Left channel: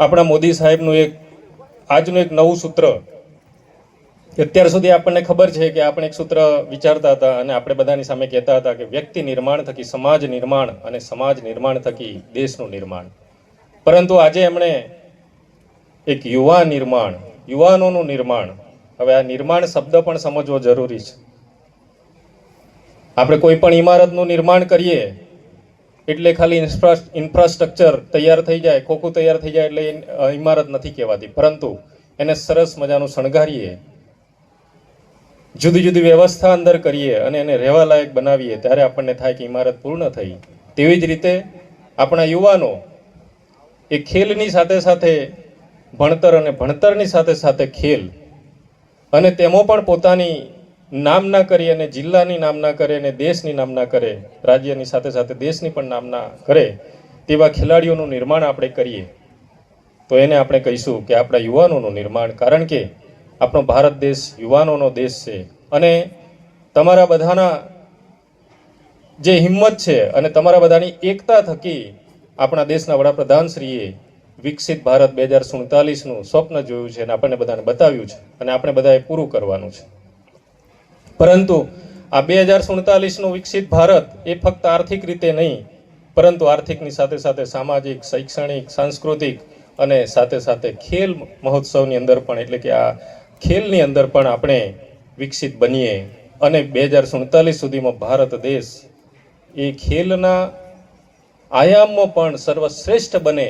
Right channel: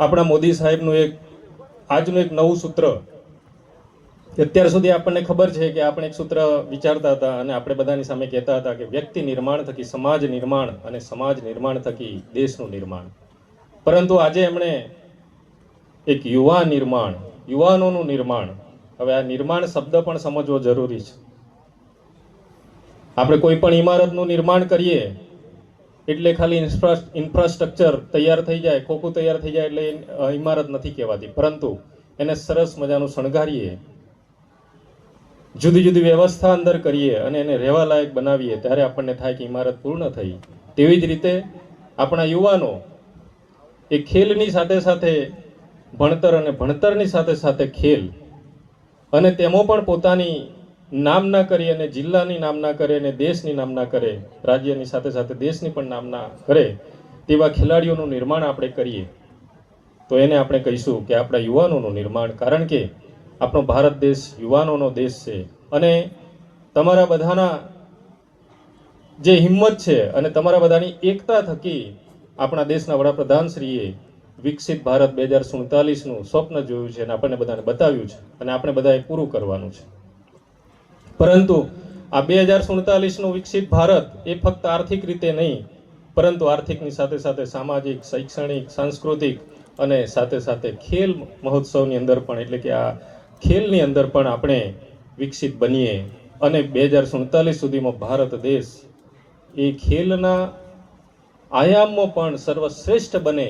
આપણા મોદી સાહેબનું આજનું એક નવું સૂત્ર, અત્યાર સુધી આપણને ખબર છે કે આપણે એક સૂત્ર વિચારતા હતા અને આપણે બધાની સામે કહેતા હતા કે વ્યક્તિ નિર્માણ થકી સમાજ નિર્માણ અને સમાજ નિર્માણ થકી દેશનું નિર્માણ. પરંતુ આજે એમણે એક યુવા નિર્માણ, યુવાનોનું નિર્માણ. હવે આ નિર્માણ શબ્દ પણ સમજવો જરૂરી છે. આપણે કોઈ પણ ઇમારતનું નિર્માણ કરીએ એટલે ખાલી ઇન્ફ્રાસ્ટ્રક્ચર તૈયાર થઈ જાય, ખોખું તૈયાર થઈ જાય એટલે ઇમારત નથી કહેવાતી, પરંતુ એને સરસ મજાનું શણગારીએ, જુદી જુદી વ્યવસ્થા અંદર કરીએ અને એને રહેવા લાયક બનાવીએ ત્યારે આપણને થાય કે ઇમારત પૂર્ણ થઈ. તેવી જ રીતે આપણા યુવાનો એ ખેલની સાથે સાથે ભણતર અને ભણતરની સાથે સાથે ખેલ અને તેમાં પણ પોતાની નામના કરી અને જિલ્લાની નામના કરે અને દેશની નામના કરે, રાજ્યની સાથે સાથે દેશની પણ નામના કરે તેવા ખેલાડીઓનું નિર્માણ આપણે કરીએ તો એને આપણે કહીશું કે આપણા યુવાનોનું નિર્માણ. કારણ કે આપણો ભારત દેશ યુવાનોનો દેશ છે અને તમારા બધાના જે હિંમત છે અને તમારા બધાની એકતા થકી આપણા દેશના વડાપ્રધાનશ્રીએ વિકસિત ભારત 2047નું સ્વપ્ન જોયું છે અને આપણને બધાને બતાવ્યું છે અને આપણે બધાએ પૂરું કરવાનું છે. પરંતુ આ 2047નું વિકસિત ભારત એ ફક્ત આર્થિક રીતે નહીં, પરંતુ આર્થિકની સાથે સાથે સામાજિક, શૈક્ષણિક, સાંસ્કૃતિક અને સાથે સાથે ખેલ મહોત્સવની અંદર પણ, એટલે કે આ ખેલની અંદર પણ આપણે વિકસિત બનીએ અને 2047 સુધીમાં ભારત દેશ એ ખેલના આયામમાં પણ સર્વશ્રેષ્ઠ બને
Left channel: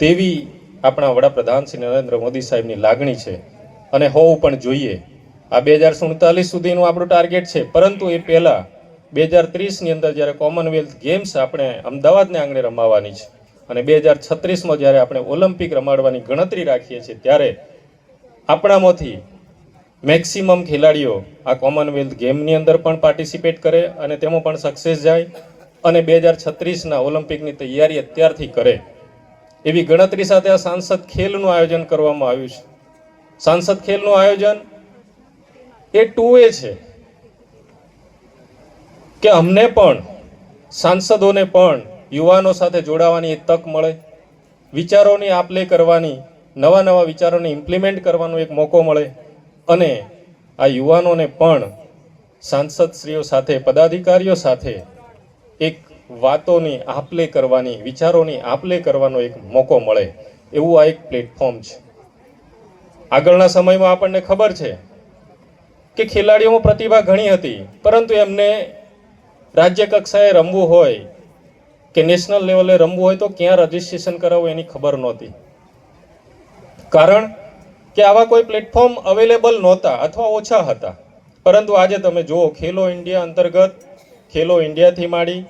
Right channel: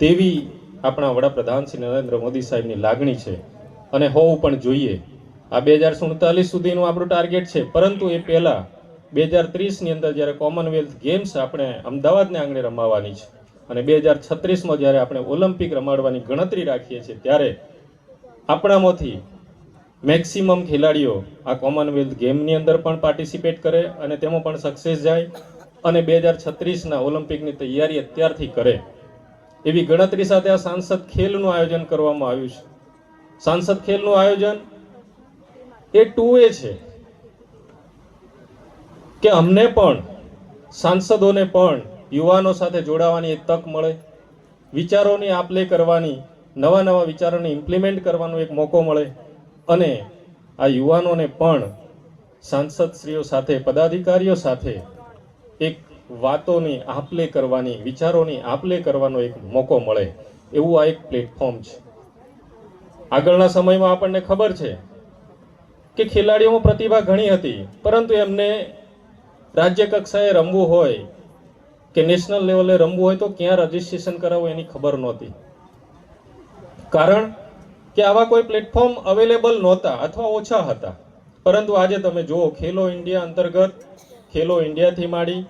તેવી આપણા વડાપ્રધાન શ્રી નરેન્દ્ર મોદી સાહેબની લાગણી છે અને હોવું પણ જોઈએ. આ 2047 સુધીનું આપણું ટાર્ગેટ છે, પરંતુ એ પહેલાં 2030ની અંદર જ્યારે કોમનવેલ્થ ગેમ્સ આપણે અમદાવાદને આંગણે રમાવાની છે અને 2036માં જ્યારે આપણે ઓલિમ્પિક રમાડવાની ગણતરી રાખીએ છીએ ત્યારે આપણામાંથી મેક્સિમમ ખેલાડીઓ આ કોમનવેલ્થ ગેમની અંદર પણ પાર્ટિસિપેટ કરે અને તેમાં પણ સક્સેસ જાય અને 2036ના ઓલિમ્પિકની તૈયારી અત્યારથી કરે એવી ગણતરી સાથે આ સાંસદ ખેલનું આયોજન કરવામાં આવ્યું છે. સાંસદ ખેલનું આયોજન એ 2 છે કે અમને પણ, સાંસદોને પણ યુવાનો સાથે જોડાવાની એક તક મળે, વિચારોની આપ-લે કરવાની, નવા નવા વિચારોને ઇમ્પ્લિમેન્ટ કરવાનો એક મોકો મળે અને આ યુવાનોને પણ સાંસદશ્રીઓ સાથે, પદાધિકારીઓ સાથે એક વાતોની આપ-લે કરવાની, વિચારોની આપ-લે કરવાનો એક મોકો મળે એવું આ એક પ્લેટફોર્મ છે. આગળના સમયમાં આપણને ખબર છે કે ખેલાડીઓમાં પ્રતિભા ઘણી હતી, પરંતુ એમને રાજ્ય કક્ષાએ રમવું હોય કે નેશનલ લેવલે રમવું હોય તો ક્યાં રજીસ્ટ્રેશન કરાવવું એની ખબર નહોતી. કારણ કે આવા કોઈ પ્લેટફોર્મ અવેલેબલ નહોતા અથવા ઓછા હતા. પરંતુ આજે તમે જુઓ, ખેલો ઇન્ડિયા અંતર્ગત, ખેલો ઇન્ડિયાથી માંડી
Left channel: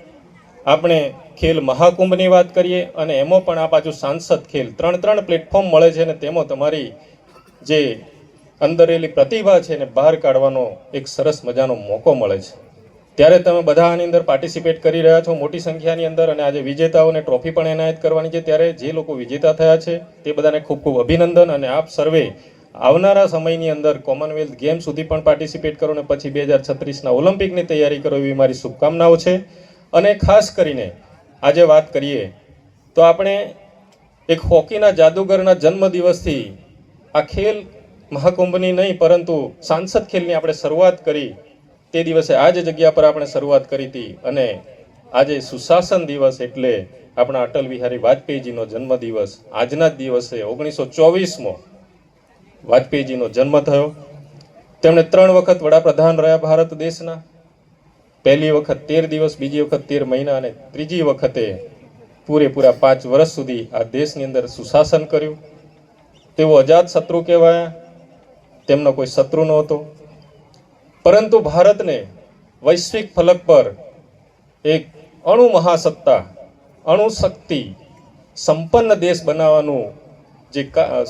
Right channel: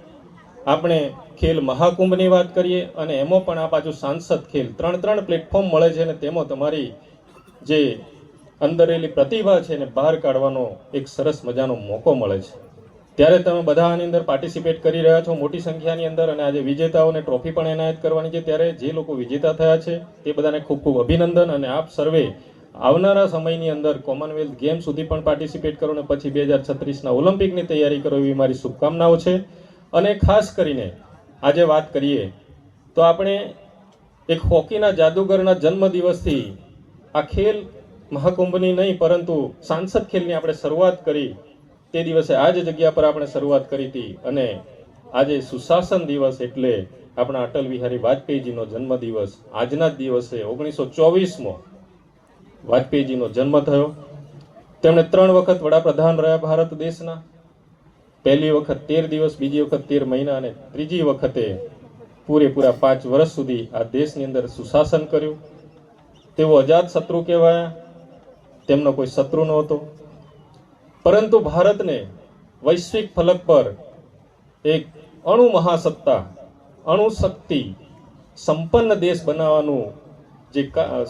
આપણે ખેલ મહાકુંભની વાત કરીએ અને એમાં પણ આ બાજુ સાંસદ ખેલ, 3 પ્લેટફોર્મ મળે છે અને તેમાં તમારી જે અંદરેલી પ્રતિભા છે એને બહાર કાઢવાનો એક સરસ મજાનો મોકો મળે છે. ત્યારે તમે બધા આની અંદર પાર્ટિસિપેટ કરી રહ્યા છો મોટી સંખ્યાની અંદર અને આજે વિજેતાઓને ટ્રોફી પણ એનાયત કરવાની છે. ત્યારે જે લોકો વિજેતા થયા છે તે બધાને ખૂબ ખૂબ અભિનંદન અને આપ સર્વે આવનારા સમયની અંદર કોમનવેલ્થ ગેમ સુધી પણ પાર્ટિસિપેટ કરો અને પછી 2036ના ઓલિમ્પિકની તૈયારી કરો એવી મારી શુભકામનાઓ છે. અને ખાસ કરીને આજે વાત કરીએ તો આપણે એક હોકીના જાદુગરના જન્મદિવસથી આ ખેલ મહાકુંભની નહીં પરંતુ સાંસદ ખેલની આપણે શરૂઆત કરી. તે દિવસે આ જ જગ્યા પર આપણે શરૂઆત કરી હતી અને આજે સુશાસન દિવસ એટલે આપણા અટલ બિહારી વાજપેયીજીનો જન્મદિવસ. આજના જ દિવસે 1924માં વાજપેયીજીનો જન્મ થયો. તેમણે 3 વખત વડાપ્રધાન રહ્યા ભારત દેશના. પહેલી વખત 13 દિવસ, બીજી વખત 13 મહિના અને ત્રીજી વખતે પૂરેપૂરા 5 વર્ષ સુધી આ દેશની અંદર સુશાસન કર્યું. તેઓ અજાત શત્રુ કહેવાયા, તેમનો કોઈ શત્રુ નહોતો, પરંતુ ભારતને વૈશ્વિક ફલક પર એક અણુ મહાસત્તા, અણુ શક્તિ સંપન્ન દેશ બનાવવાનું જે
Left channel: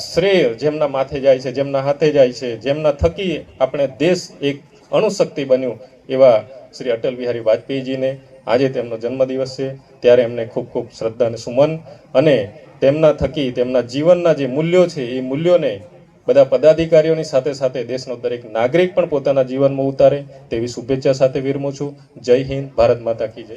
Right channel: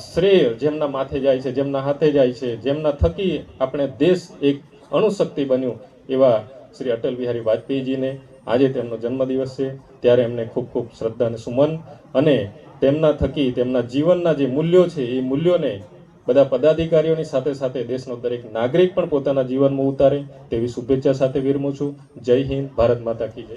શ્રેય જેમના માથે જાય છે, જેમના હાથે જાય છે, જેમના થકી આપણે દેશ એક અણુશક્તિ બન્યું એવા શ્રી અટલ બિહારી વાજપેયીજીને આજે તેમનો જન્મદિવસ છે. ત્યારે એમને ખૂબ ખૂબ શ્રદ્ધા અને સુમન અને તેમના થકી તેમના જીવનના જે મૂલ્યો છે એ મૂલ્યોને બધા પદાધિકારીઓની સાથે સાથે દેશનો દરેક નાગરિક પણ પોતાના જીવનમાં ઉતારે તેવી શુભેચ્છા સાથે વિરમું છું. જય હિન્દ, ભારત માતા કી જય.